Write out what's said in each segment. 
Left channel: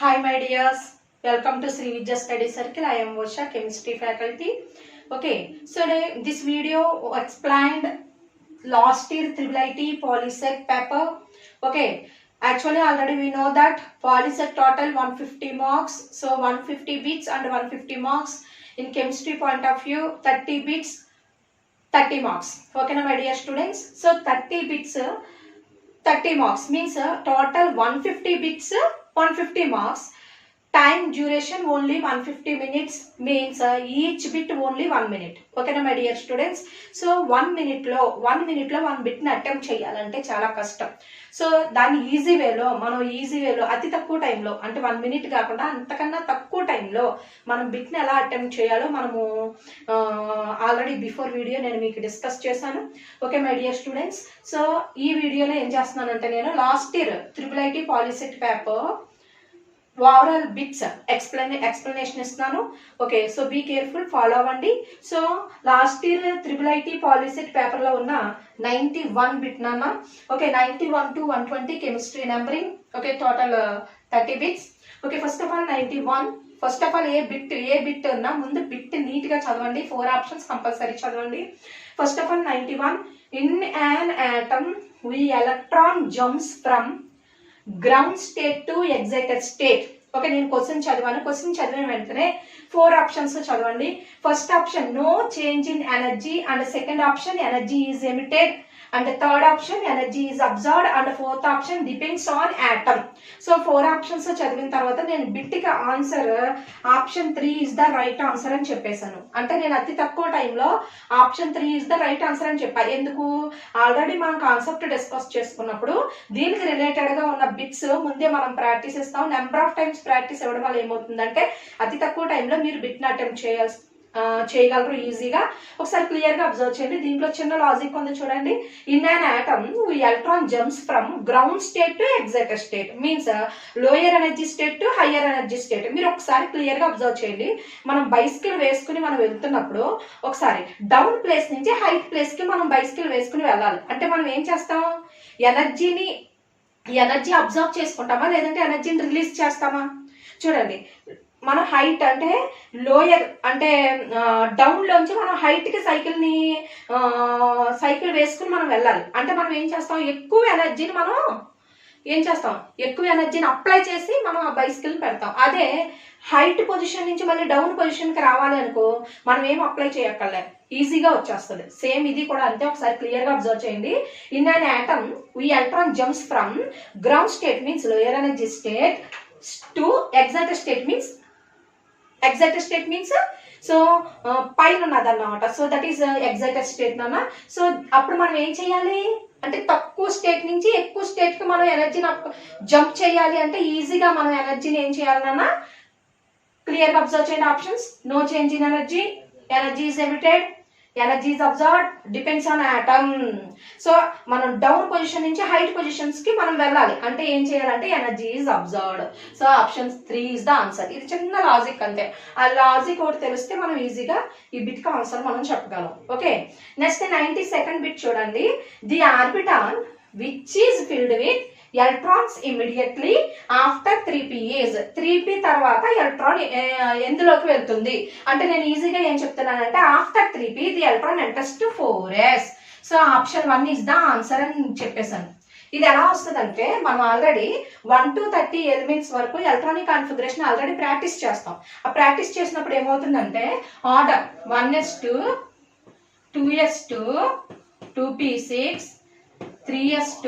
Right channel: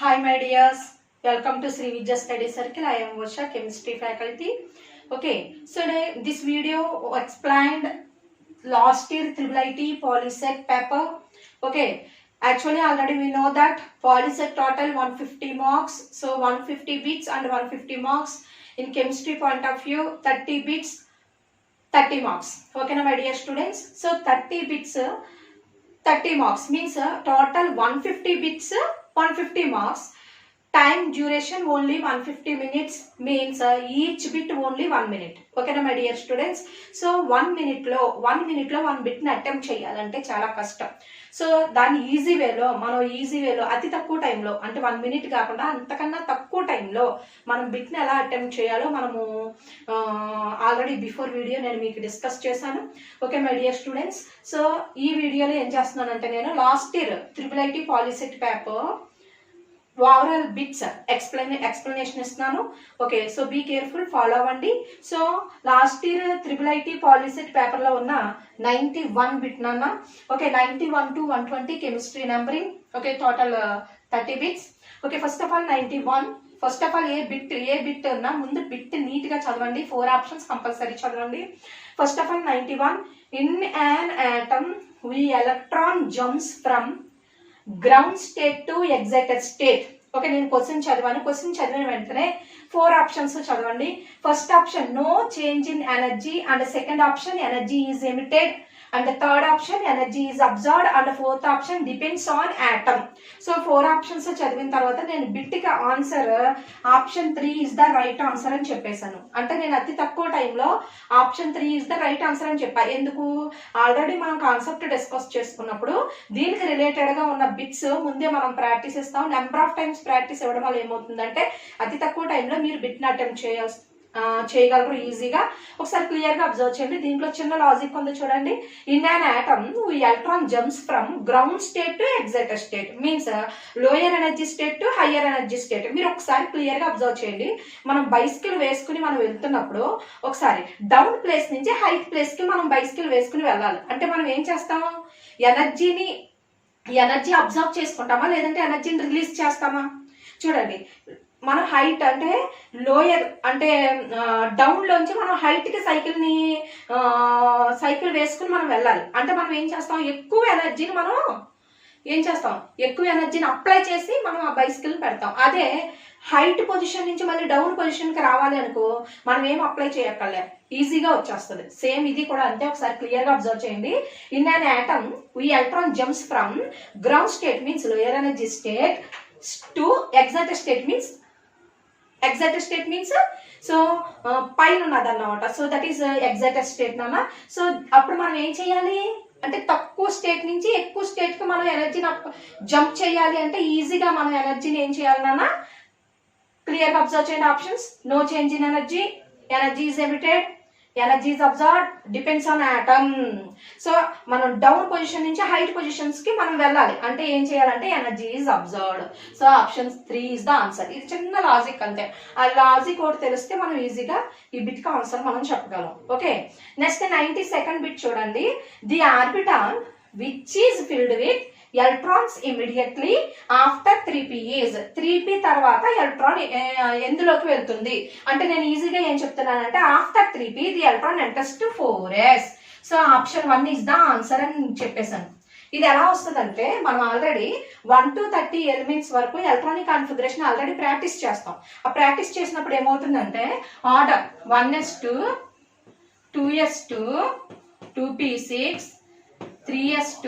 Hi my dears, welcome to Sri Vidya Study Circle. I am Vosha, chemistry faculty. Okay, so this video explained last year IIIT Polysec paper. Okay, actually already we know that Polysec total 150 marks. So 150 bits and 150 marks. In chemistry point of view, 30 bits, 30 marks. Okay, my dear students. So 30 bits, 30 marks means total 150 bits, 150 marks. Time duration only 150 minutes means each bit only 1 minute. Okay na my dear students. So 1 minute lo 1 bit ని attempt చేయాలంటే చాలా కష్టం. So దాన్ని easy వేలో అతి తక్కువ టైంలో అంటే 1 మినిట్ కాకుండా అంతకన్నా తక్కువ టైంలో మనం బిట్ని ఎలా అటెంప్ట్ చేయాలో మనము ఆల్రెడీ బిఫోర్ వీడియో నేను మీకు డిస్కస్ చేశాను. Okay my dear students, so ఈ వీడియోలో ఏం చేస్తున్నానంటే నేను last year IIIT POLYCET paper overall bits explanation ఇస్తున్నాను. Okay, so be careful, follow అవ్వండి. సో last year IIIT POLYCET paper లో ఉన్న 91 బిట్ నాన్న. Okay, 91 to 120 chemistry numbering. Okay, total 30 bits. Okay, first of all 91. First of all ఏ bit అన్నా ముందు bit neat గా చదవండి. 4 ఆప్షన్స్ కంపల్సరీ చదవండి. First of all 91. In an atom we electron jumps from ground state to excited state. Okay, నేను question చదివిన వెంటనే 4 options చదవండి. First option no change in energy, and second option energy is emitted, and third option energy is absorbed, and fourth option depends on atom. So 4 ఆప్షన్స్ చదివిన తర్వాత నేను బిట్కి answer option 3 is the right answer అని చెప్పేశాను. అంటే నేను అతి తక్కువ టైంలో option 3 is the right answer అని చెప్పాను. ఎందుకు? ఆల్రెడీ మనం కాన్సెప్ట్ డిస్కస్ చేసుకున్నప్పుడు దీనికి రిలేటెడ్ గా ఉన్న బిట్స్ ముందే మనం ప్రాక్టీస్ ఇస్తాం. నెంబర్ ఆఫ్ టైమ్స్ ప్రాక్టీస్ ఇవ్వడం వల్ల ఏమవుతుందంటే అతి తక్కువ టైంలో మీరు బిట్ని అటెంప్ట్ చేయగలరు ఈజీగా. ఒకసారి క్లియర్ గా అబ్జర్వ్ చేయండి. దీంట్లో చిన్న లాజిక్ ఉంది చూడండి. In an atom electron jumps from ground state to excited state means lower energy state to higher energy state. మీరు ఒకసారి క్లియర్ గా అబ్జర్వ్ చేయండి. మనం బైసికల్ వేసుకుని మనం వెళ్తున్నప్పుడు ఒకసారి డౌన్ ప్లేస్ నుంచి హైట్ ప్లేస్ కి మనం బైసికల్ వేసుకుని వెళ్ళాలి. అంటే మనం ఏం చేస్తాం? ఎనర్జీ అబ్జర్వ్ చేసుకుంటామా లేదంటే ఎనర్జీని రిలీజ్ చేస్తామా? చూడండి, మనం హైట్ అంటే లోయర్ అంటే డౌన్ లోంచి మనం హైట్ కి సైకిల్ వేసుకుని మనం వెళ్ళాలి. అంటే మనం ఏం చేస్తాం? ఎక్కువ ఎనర్జీని అప్లై చేసి మనం ఆ బైసికల్ పెడతాం. అదే హైట్ పొజిషన్ నుంచి మళ్ళీ డౌన్ పొజిషన్ కి రావాలి అనుకో, మనం ఏం అప్లై చేయక్కర్లే, ఈజీగా వచ్చేస్తుంది. సేమ్ ఇది కూడా అంతే. ఒకసారి క్లియర్ గా అబ్జర్వ్ చేయండి. In an atom we electron jumps from ground state means lower energy state to excited state means so పైన ఉన్నదన్నమాట. So that is excited state నాన్న. సో అప్పుడు మనం ఏం చేయాలి అంటే తక్కువ స్టేట్ నుంచి ఎక్కువ స్టేట్ కి మనం ఎనర్జీని జంప్ చేయాలి. అంటే ఈజీగా మనం ఎనర్జీని ఏం చేయాలి నాన్న? క్లియర్ గా అబ్జర్వ్ చేయండి. Options no change in energy, energy is emitted, energy is absorbed, depends on atom. So మనం డౌన్ పొజిషన్ నుంచి హైట్ పొజిషన్స్ కి మనం వెళ్ళాలి. అంటే ఏం చేయాలంటే energy is absorbed. So option 3 is the answer. ఇది చిన్న లాజిక్ అంతే. ఆ లాజిక్ ఒకటి తెలిస్తే మనం ఈజీగా ఈ బిట్ కి ఆన్సర్ మనం చెప్పగలం. ఓకే, నెక్స్ట్ 92nd బిట్ చూడండి. The orbital which is filled with electrons immediately after 3p is 3p తర్వాత ఎలక్ట్రాన్ ఎందులోకి వెళ్తుంది అంటే నేను ఈజీగా ఏం చెప్తున్నానంటే after 3p the electron enters to 4s. So option 1 is the answer అని చెప్పేశాను. ఇది ఎలా వస్తుందంటే మనం ఆల్రెడీ 1 to 30 ఎలిమెంట్స్ వరకు ఎలక్ట్రానిక్ కాన్ఫిగరేషన్ ఆల్రెడీ ప్రాక్టీస్ చేస్తాం. ఆ ప్రాక్టీస్ చేసినప్పుడు ఏమవుతుందంటే order 1s2 2s2 2p6 3s2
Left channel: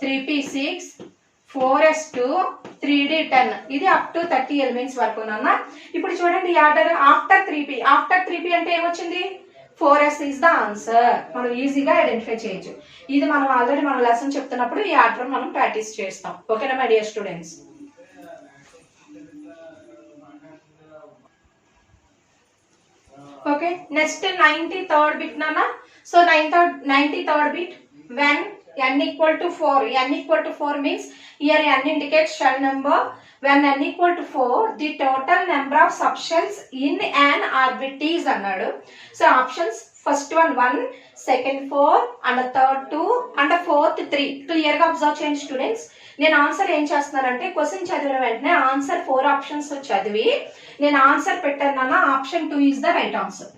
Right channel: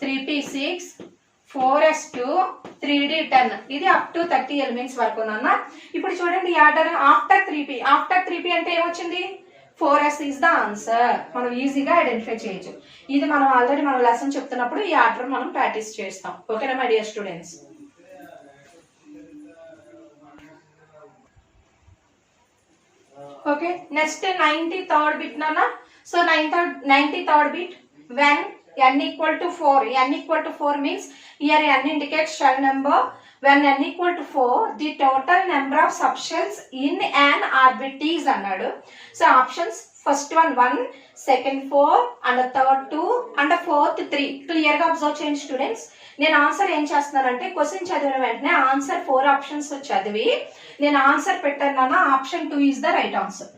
3p6 4s2 3d10 ఇది అప్ టు 30 ఎలిమెంట్స్ వరకు నాన్న. ఇప్పుడు చూడండి ఈ ఆర్డర్ ఆఫ్టర్ 3p అంటే ఏమొచ్చింది? 4s is the answer. మనం ఈజీగా ఐడెంటిఫై చేయొచ్చు. ఇది మనం ఆల్రెడీ మన లెసన్ చెప్తున్నప్పుడు ఈ ఆర్డర్ మనం ప్రాక్టీస్ చేస్తాం. ఓకేనా my dear students? Okay, next 93rd bit నాన్న. So 93rd bit when n equal to 4 means here n indicates shell number, when n equal to 4 the total number of subshells in an orbit is అన్నాడు. So options first one 1, second 4 and third 2 and fourth 3 clear గా observe చేయండి students. నేను answer ఏం చేస్తున్నానంటే question చదివిన వెంటనే answer 4 options చదివి నేను ఆన్సర్ పెట్టాను. Option 2 is the right answer.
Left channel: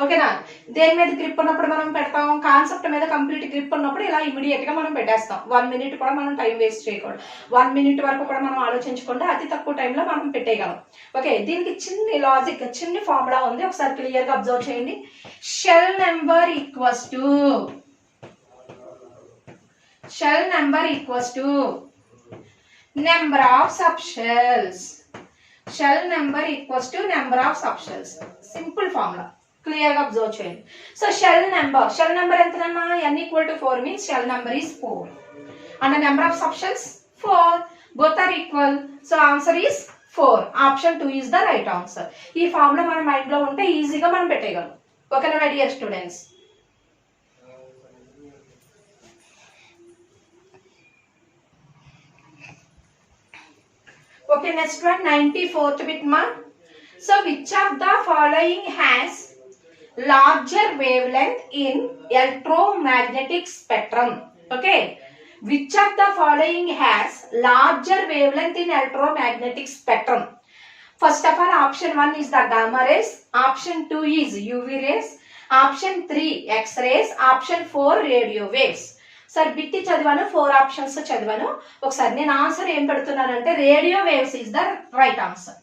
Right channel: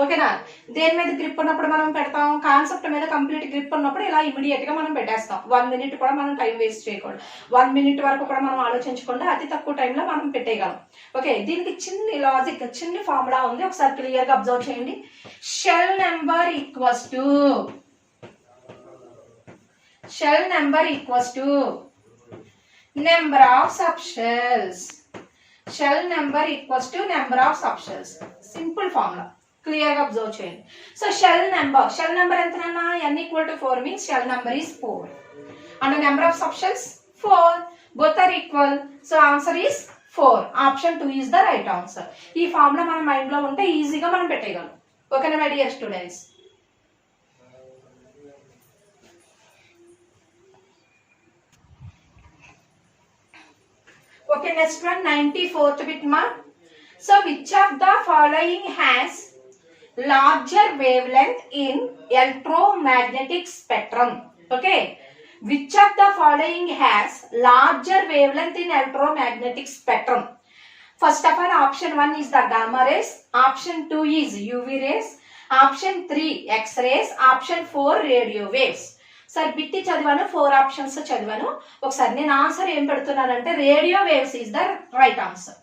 ఓకేనా? దేని మీద గ్రిప్ ఉన్నప్పుడు మనం పెడతాం, కాన్సెప్ట్ మీద కంప్లీట్ గ్రిప్ ఉన్నప్పుడు ఇలా ఇమీడియట్ గా మనం పెట్టేస్తాం. 1 మినిట్ కూడా మనం టైం వేస్ట్ చేయకూడదు. 1 మినిట్ వరకు కూడా మనం ఆలోచించకుండా అతి తక్కువ టైంలో మనం పెట్టేయగలం. ఓకే, దీనికి చిన్న లాజిక్, చిన్న ఫార్ములా ఉంది, ఒకసారి క్లియర్ గా అబ్జర్వ్ చేయండి. Shell number equals to number of subshells. Shell number equals to number of subshells. Simple formula, clear గా అబ్జర్వ్ చేయండి. సో షెల్ నెంబర్ ఎంతనన్నా n equal to 4 means shell number is 4 and the number of subshells 4, both are equal, so answer is 4. Option 2 is the right answer. ఈ formula మన mind లో ఉంటే ఈజీగా మనం పెట్టేయగలం. ఓకేనా my dear students? Okay, next one 94th bit ma. So which of the following has larger wavelength in electromagnetic spectrum? Okay, which of the following has larger wavelength in electromagnetic spectrum? First of all, option 1 is the gamma rays, option 2 is UV rays, option 3 X-rays, option 4 radio waves. సరే బిట్టి చదివాను, 4 options చదివాను. ఒకసారి నేను answer ఏం పెడుతున్నానంటే radio waves is the right answer.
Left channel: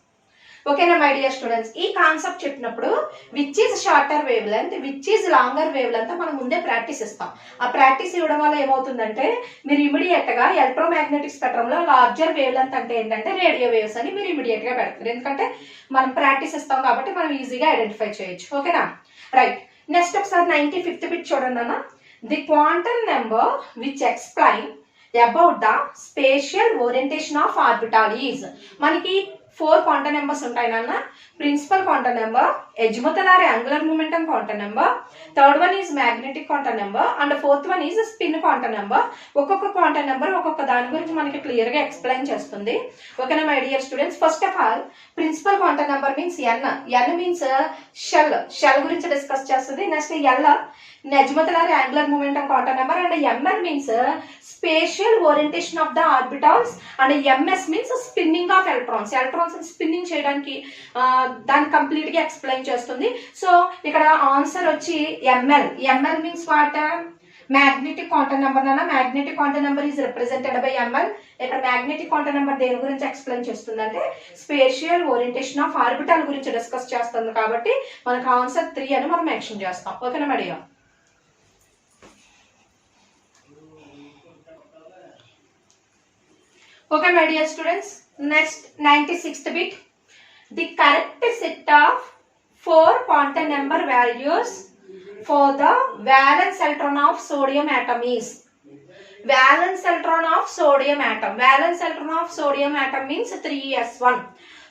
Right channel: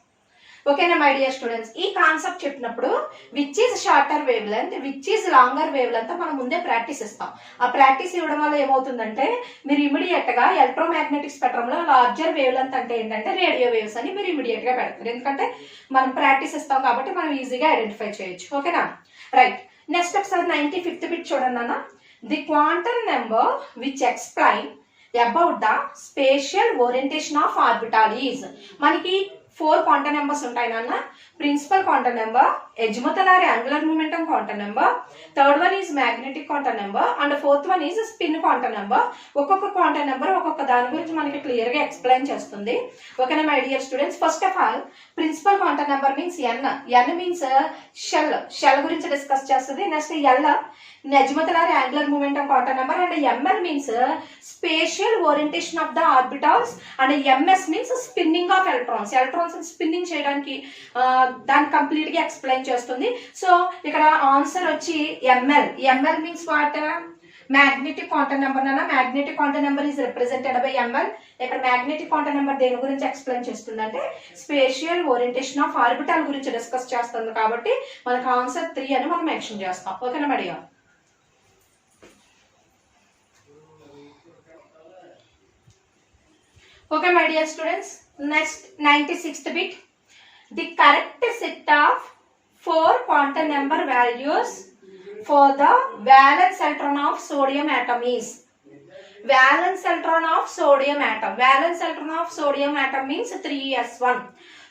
ఓకేనా my dear students? ఈ concept చెప్పినప్పుడు which is shorter wave length, which is longer wave length మనం ముందే ప్రాక్టీస్ ఇస్తాం. ఆ ప్రాక్టీస్ ఇవ్వడం వల్ల ఏమవుతుందంటే మీరు ఇమీడియట్ గా ఎలక్ట్రోమాగ్నెటిక్ స్పెక్ట్రమ్ లో లార్జర్ వేవ్ లెంత్ అంటే ఏంటంటే రేడియో వేవ్స్ అని మీరు ఇమీడియట్ గా పెడతారు. ఎందుకంటే మనం ప్రాక్టీస్ ఇస్తాం కాబట్టి మనం ఈజీగా ఐడెంటిఫై చేయొచ్చు. ఓకేనా? రైట్, నెక్స్ట్ ఒకసారి 95th బిట్ చూడండి అన్న. The quantum number which explain about the spatial orientation of orbital is. మనకి 4 క్వాంటమ్ నెంబర్స్ ఉంటాయి నాన్న. Principal quantum number, azimuthal angular momentum quantum number, third one is magnetic quantum number and fourth one is spin quantum number. ఒక్కొక్క quantum number ఒక్కొక్క దాని గురించి మనకి clear గా explain చేస్తుంది. ఓకేనా my dear students? First of all principal quantum number means N means shell గురించి discuss చేస్తుంది. Next L azimuthal angular momentum quantum number and ML means spatial orientation of the orbitals and MS means spinning of electrons. Electrons spinning చేయడానికి దాన్ని complete గా explain చేస్తుంది. So ఇక్కడ answer వచ్చి ML means what? Magnetic quantum number అన్న. Magnetic quantum number is represented by ML. ఇక్కడ magnetic quantum number దేని గురించి ఎక్స్ప్లెయిన్ చేస్తుందంటే స్పేషియల్ ఓరియంటేషన్ ఆఫ్ ఆర్బిటాల్ గురించి డిస్కస్ చేస్తుంది కాబట్టి మనకు ఆన్సర్ 3 అని మనం మెన్షన్ చేస్తాం. ఓకేనా madam? Okay my dear students, next 96th bit. The correct set of 4 quantum number values for the valence electron of sodium atom is. Valence electron of sodium atom. Valence electron of sodium atom means 3s1.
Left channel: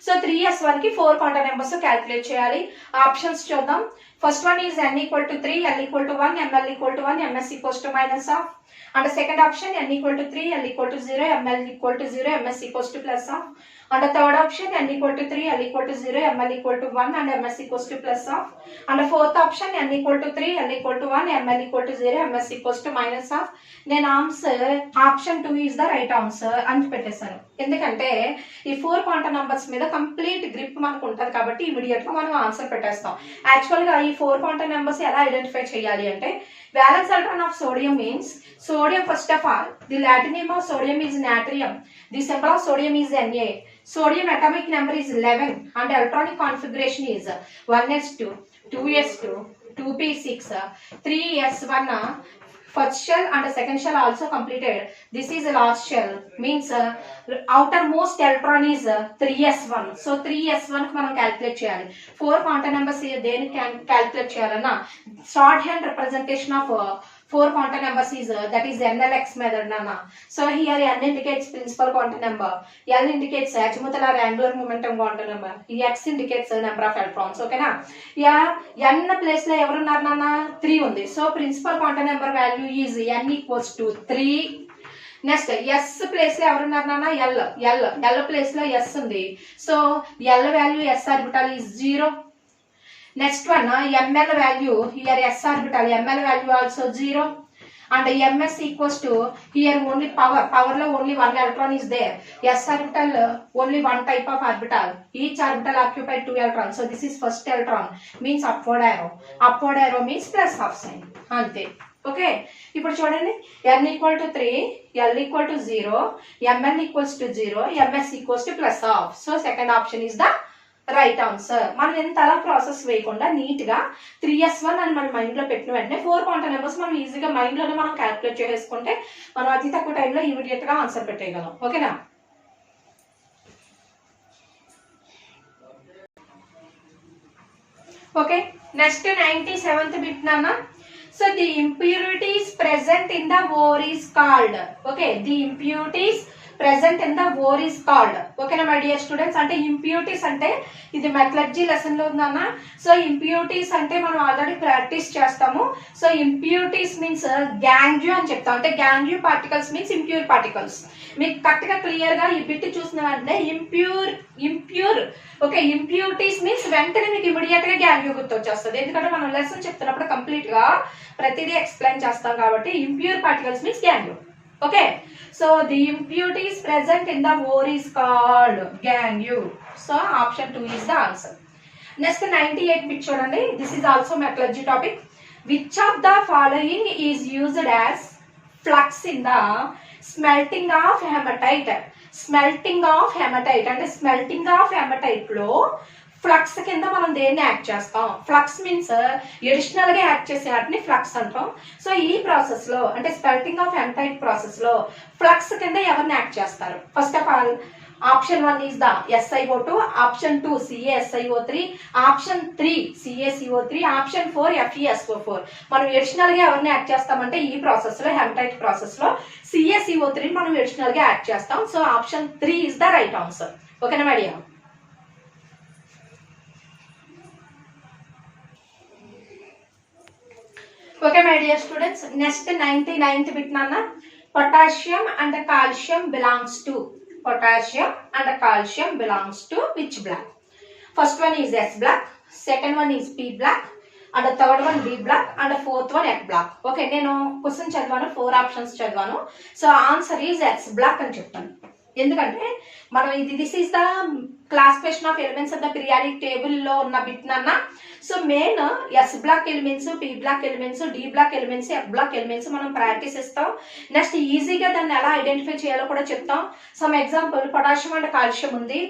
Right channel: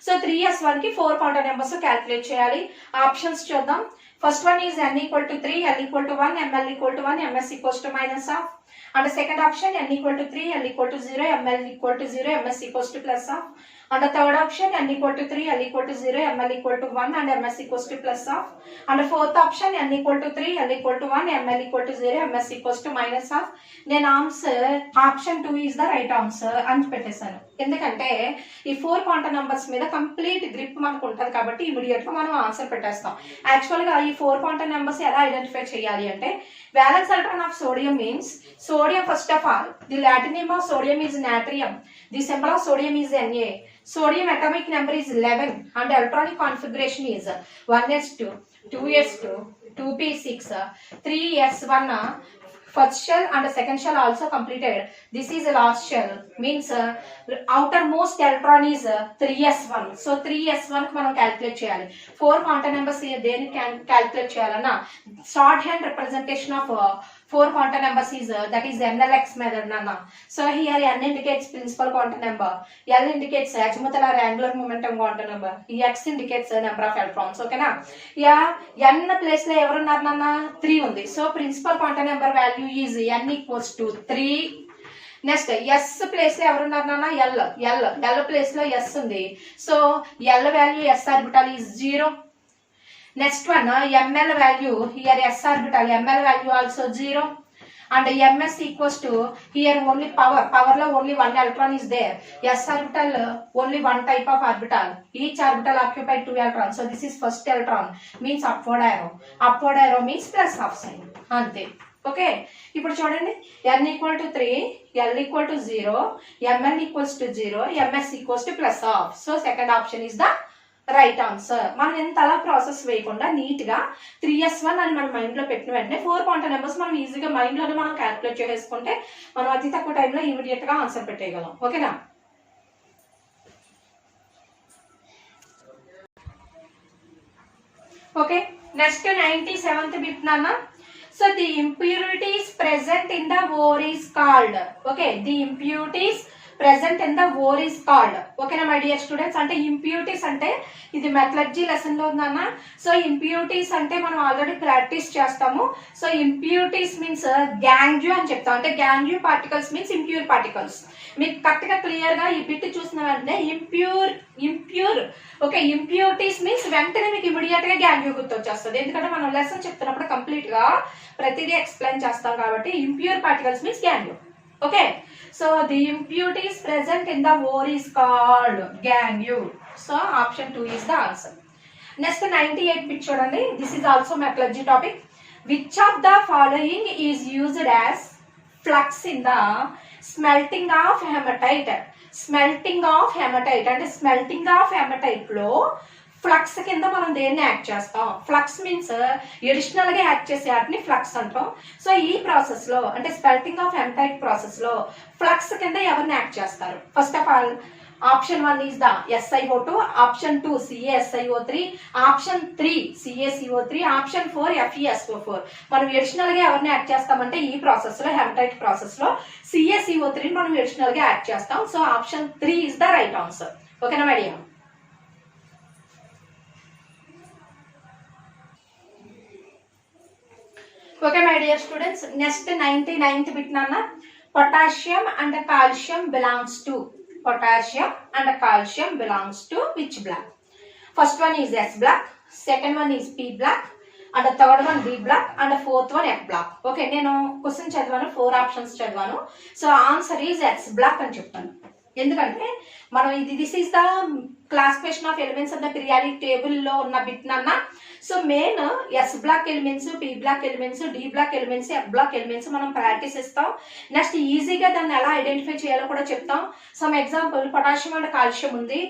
So 3s1 ki 4 quantum numbers calculate cheyali. Options చూద్దాం. First one is n equal to 3, l equal to 1, ml equal to 1, ms equals to minus of. And the second option n equal to 3, l equal to 0, ml equal to 0, ms equals to plus of. And the third option n equal to 3, l equal to 0, ml equal to 1 and ms equals to plus of. And the fourth option n equal to 3, l equal to 1, ml equal to 0, ms equals to minus of. Then answer option 2 is the right answer అని పెట్టేశాను. ఎందుకంటే ఈ 4 quantum numbers మీద complete grip మనకు ఉంటుంది కాబట్టి immediate గా మనం ఆన్సర్ పెట్టేస్తాం. యాక్చువల్ గా ఈ 4 క్వాంటమ్ నంబర్స్ ఎలా ఐడెంటిఫై చేయాలి అంటే valence electron of sodium means sodium. First of all, the Latin name of sodium is natrium. The symbol of sodium is Na. Sodium atomic number is 11 and electronic configuration is 1s2, 2s2, 2p6, 3s1. First shell and second shell also completed. This is the last shell means outermost electron is 3s1. So 3s1 కి మనం calculate చేయాలి. 4 quantum numbers దేనికి calculate చేయాలన్నా short hand representation of 4 quantum numbers is that is NLX method nana. So here n indicates principal quantum number, L indicates azimuthal or angular momentum quantum number, X indicates number of electrons. Okay na? Yeah, n place la evaru unnaru nana 3 undi. So principal quantum number value is n equals to 3, next S place లో ఎవరున్నారు నాన్న? L. L place లో S ఉంది. So L value S orbital is 0. Next one ML value here S orbital ML value also 0. and ms equals to here only power lo only one electron is there. s orbital only one type of orbital, each orbital occupied 2 electrons, so this is first electron means upward arrow means plus half sign ante. Okay, ఇప్పుడు చూడండి n equal to 3, l equal to 0, ml equals to 0, ms equals to plus half. So second option is the right answer. మనం ఎంత అలా process వేయకుండా neat గా 3s1 అని మన mind లో పెట్టిన వెంటనే 4 క్వాంటమ్ నెంబర్స్ మనం ఈజీగా మైండ్ లోనే మనం క్యాల్కులేట్ చేసుకుంటే మనం అతి తక్కువ టైంలో ఇమీడియట్ గా ఆన్సర్ పెట్టేయగలం. ఓకేనా? ఓకే, నెక్స్ట్ 97th బిట్ నాన్న. So the impurities present in the ore is called. Okay, the impurities present in the ore is called. Okay na my dear students, ante impurities ante ఇది metallurgy lesson లో ఉందన్న. So impurities అంటే మనం already practice చేస్తాము. So impurities means గ్యాంగ్యూ అని చెప్తాం. అంటే గ్యాంగ్యూ particles means impure particles. మీకు కరెక్ట్ గా క్లియర్ గా ఈ బిట్ చూసిన వెంటనే ఇంప్యూర్ ఓకే ఇంప్యూరిటీస్ మీన్స్ వెంటనే మీకు ఇమీడియట్ గా గ్యాంగ్యూ గుర్తొచ్చేస్తుంది. ఎందుకంటే మనం లెసన్ చెప్తున్నప్పుడు కంప్లీట్ గా ప్రతిదీ ఎక్స్ప్లెయిన్ చేస్తాం కాబట్టి impure particles means gangue. Okay, so the impurities present in the ore is called gangue. So option 2 is the answer. Next 98 bit చూడండి. This is also metallurgy topic. Which of the following is used as flux in the smelting of hematite? Smelting of hematite అంటే smelting of hematite లో flux కింద మనం దేన్ని add చేస్తాం? Flux means additional గా add చేసే వాటిని ఫ్లక్స్ అంటాం. సో ఈ ప్రాసెస్ లో అంటే స్పెల్టింగ్ ఆఫ్ హెమటైట్ ప్రాసెస్ లో ఫ్లక్స్ కింద ఎవరిని యాడ్ చేస్తారు? First of all option 1 is the SiO2, option 2 CaSiO3, option 3 CaCO3, option 4 FeSO4. మనం ఎడిషనల్ గా ఎవరిని యాడ్ చేస్తామంటే ఈ ప్రాసెస్ లో హెమటైట్ ప్రాసెస్ లో CaCO3 మనం ఎడిషనల్ గా యాడ్ చేస్తాం. So option 3 is the right answer. ఓకేనా madam? Okay my dear students, next 99th bit nana. Potassium and calcium belongs to which black? First one is S black, second one is P black, and the third one B black, and the fourth one F black. Okay, నేను question చదివాను, 4 options చదివాను. So answer is X block అని చెప్తాను. ఎందుకంటే మనం this is the classification of elements of the periodic table లో ఉన్న bit నాన్న. So main S block elements, P block elements, D block elements, F block elements మనం practice ఇస్తాం. నెక్స్ట్ ఈజీగా దాన్ని ఎలా ఐడెంటిఫై చేయాలో కూడా చెప్తాం. Some example potassium and calcium ఉంది.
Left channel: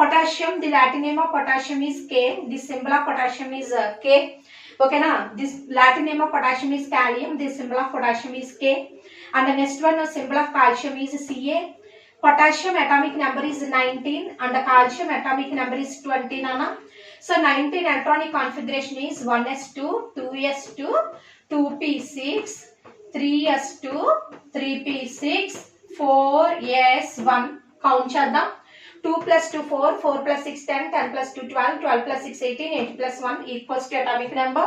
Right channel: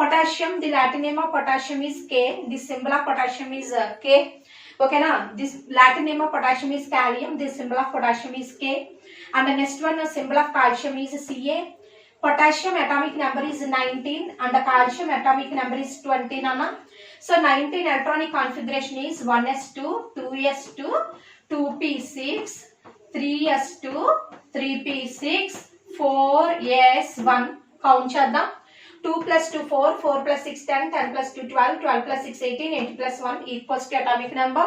Potassium, the Latin name of potassium is K, the symbol of potassium is K. ఓకేనా? This Latin name of potassium is kalium, the symbol of potassium is K. And next one symbol of calcium is Ca. Potassium atomic number is 19 and the calcium atomic number is 20 nana. So 19 electronic configuration is 1s2, 2s2, 2p6, 3s2, 3p6, 4s1. Count చేద్దాం. 2 plus 2 4, 4 plus 6 10, 10 plus 2 12, 12 plus 6 18, 8 plus 1 equals to atomic number.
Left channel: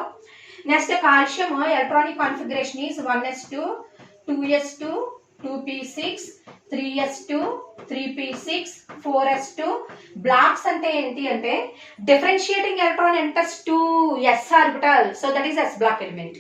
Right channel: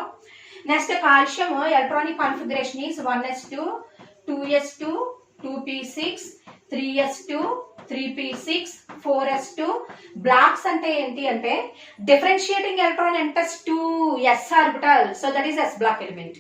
Next calcium electronic configuration is 1s2, 2s2, 2p6, 3s2, 3p6, 4s2. Blocks అంటే ఏంటి అంటే differentiating electron enters to s orbital, so that is s block element.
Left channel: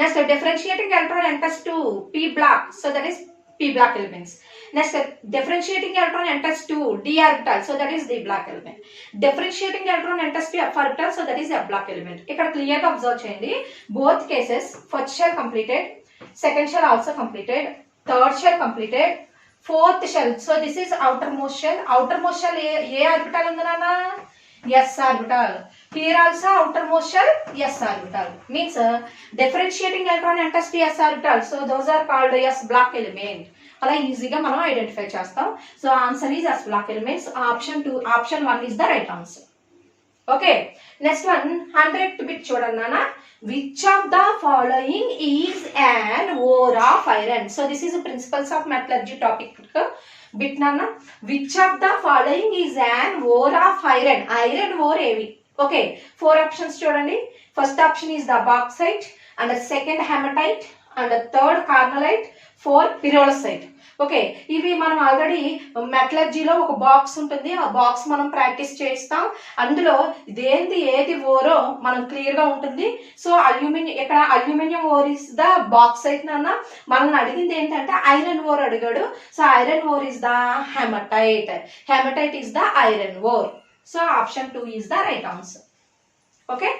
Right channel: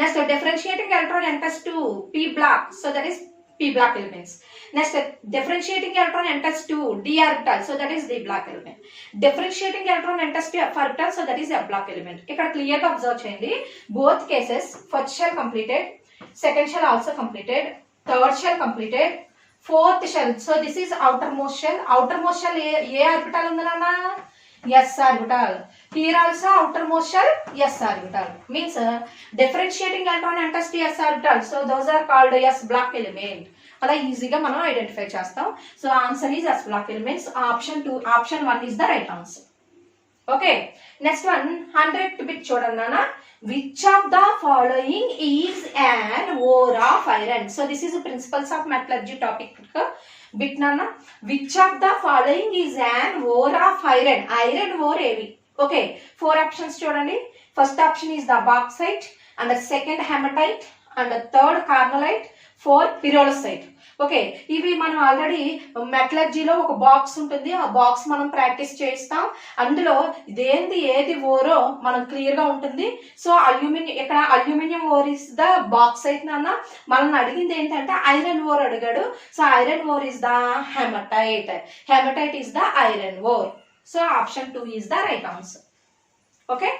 Next differentiating electron enters to p block, so that is p block elements. Next differentiating electron enters to d orbital, so that is d block element. Differentiating electron enters to f orbital, so that is f block element. ఇక్కడ clear గా observe చేయండి. Both cases first shell completed, second shell also completed, third shell completed, fourth shell. So this is outermost shell. Outermost shell ఏ orbital ఉంది నాన్న? s orbital. Here also outermost shell s orbital. Means differentiating electron enters to s orbital. So those are called s block element. అలా ఈజీగా మనం identify చేస్తాం. So answer is s block elements. Option 1 is the right answer. Okay, next one 100th bit చూడండి నాన్న. Which of the following is an ore of iron? So this is the principles of metallurgy topic bit nana. Which of the following is an ore of iron? Iron ore ఏవి? Okay, 4 options చూడండి. First option is the bauxite, and the second hematite, and the third carnallite, 4 pyrolusite. Okay, ఇవి మనం already మెటలర్జీలో ఒక box ఉంటుంది, ఆ box మనం practice చేస్తాం. అందులో ఏది ఓరో మనం క్లియర్ గా ఉంటుంది. సో అల్యూమినియం, ఇక్కడ aluminium ore is the bauxite అయితే అన్న మనల్ని అడిగింది ఏంటంటే ఐరన్ ఓర్ అడిగాడు. So iron ore is the hematite. Hematite is the iron ore. So option 2 is the right answer. Okay.